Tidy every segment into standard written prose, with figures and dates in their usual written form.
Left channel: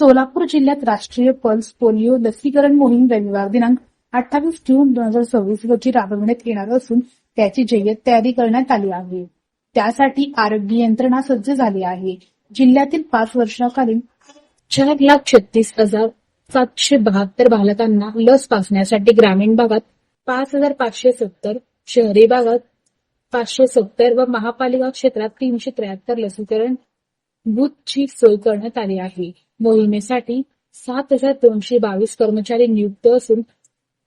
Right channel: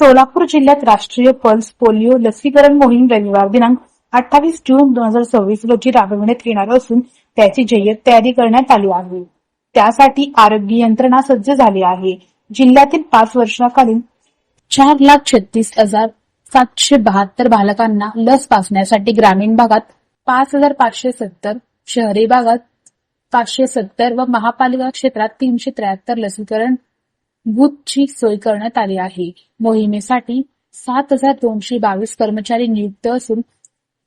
सोलापूर जिल्ह्यात राष्ट्रीय pulse polio लसीकरण मोहीम रविवार दिनांक 28 जून 2026 रोजी राबविण्यात येणार असून त्याची जय्यत तयारी करण्यात आली आहे. त्यासाठी आरोग्य यंत्रणा सज्ज झाली आहे. जिल्ह्यातील 5 वर्षाखालील 4,36,772 बालकांना लस पाजण्यासाठी ग्रामीण भागात 5,570, शहरी भागात 570 व महापालिका क्षेत्रात 373 लसीकरण बूथची सोय करण्यात आली आहे. मोहिमेसाठी 7,222 कर्मचारी नियुक्त असून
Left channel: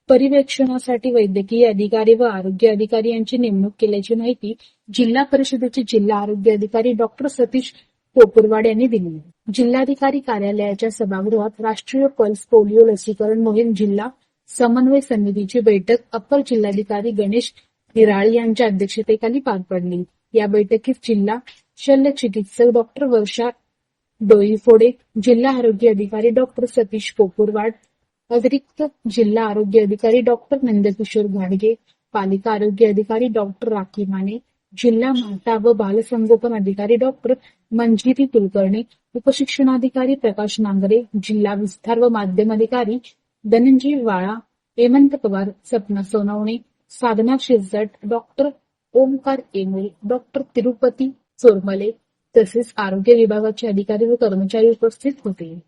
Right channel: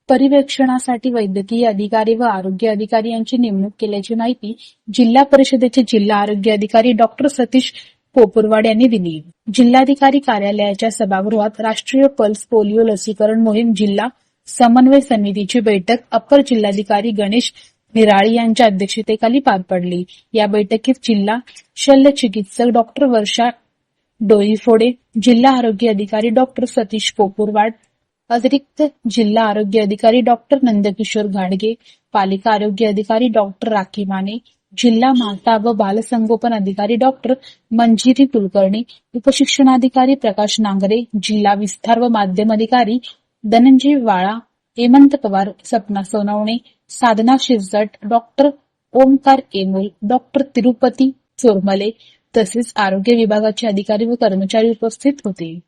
पर्यवेक्षणासाठी वैद्यकीय अधिकारी व आरोग्य अधिकारी यांची नेमणूक केल्याची माहिती जिल्हा परिषदेचे जिल्हा आरोग्य अधिकारी डॉ. सतीश पोपुरवाड यांनी दिली. जिल्हाधिकारी कार्यालयाच्या सभागृहात राष्ट्रीय पल्स पोलिओ लसीकरण मोहीम जिल्हा समन्वय समितीची बैठक अप्पर जिल्हाधिकारी गणेश निराळी यांच्या अध्यक्षतेखाली पार पडली. या बैठकीत जिल्हा शल्य चिकित्सक डॉ. वर्षा डोईफोडे, जिल्हा आरोग्य अधिकारी डॉ. सतीश पोपुरवाड, अतिरिक्त जिल्हा आरोग्य अधिकारी डॉ. नंदकिशोर घाडगे, पालिका आरोग्य अधिकारी डॉ. राखी माने, जिल्हा माता व बालसंगोपन अधिकारी डॉ. मंजिरी कुलकर्णी, उपशिक्षणाधिकारी प्रकाश नांगरे, जिल्हा विस्तार व माध्यम अधिकारी धनंजय वाळा, हेमंत पवार, सपना सोनवणे, साधना शिरसट, डॉ. ओमकार एमोल, डॉ. तिरुपती चोरमले तसेच आरोग्य विभागाचे अधिकारी व कर्मचारी उपस्थित होते.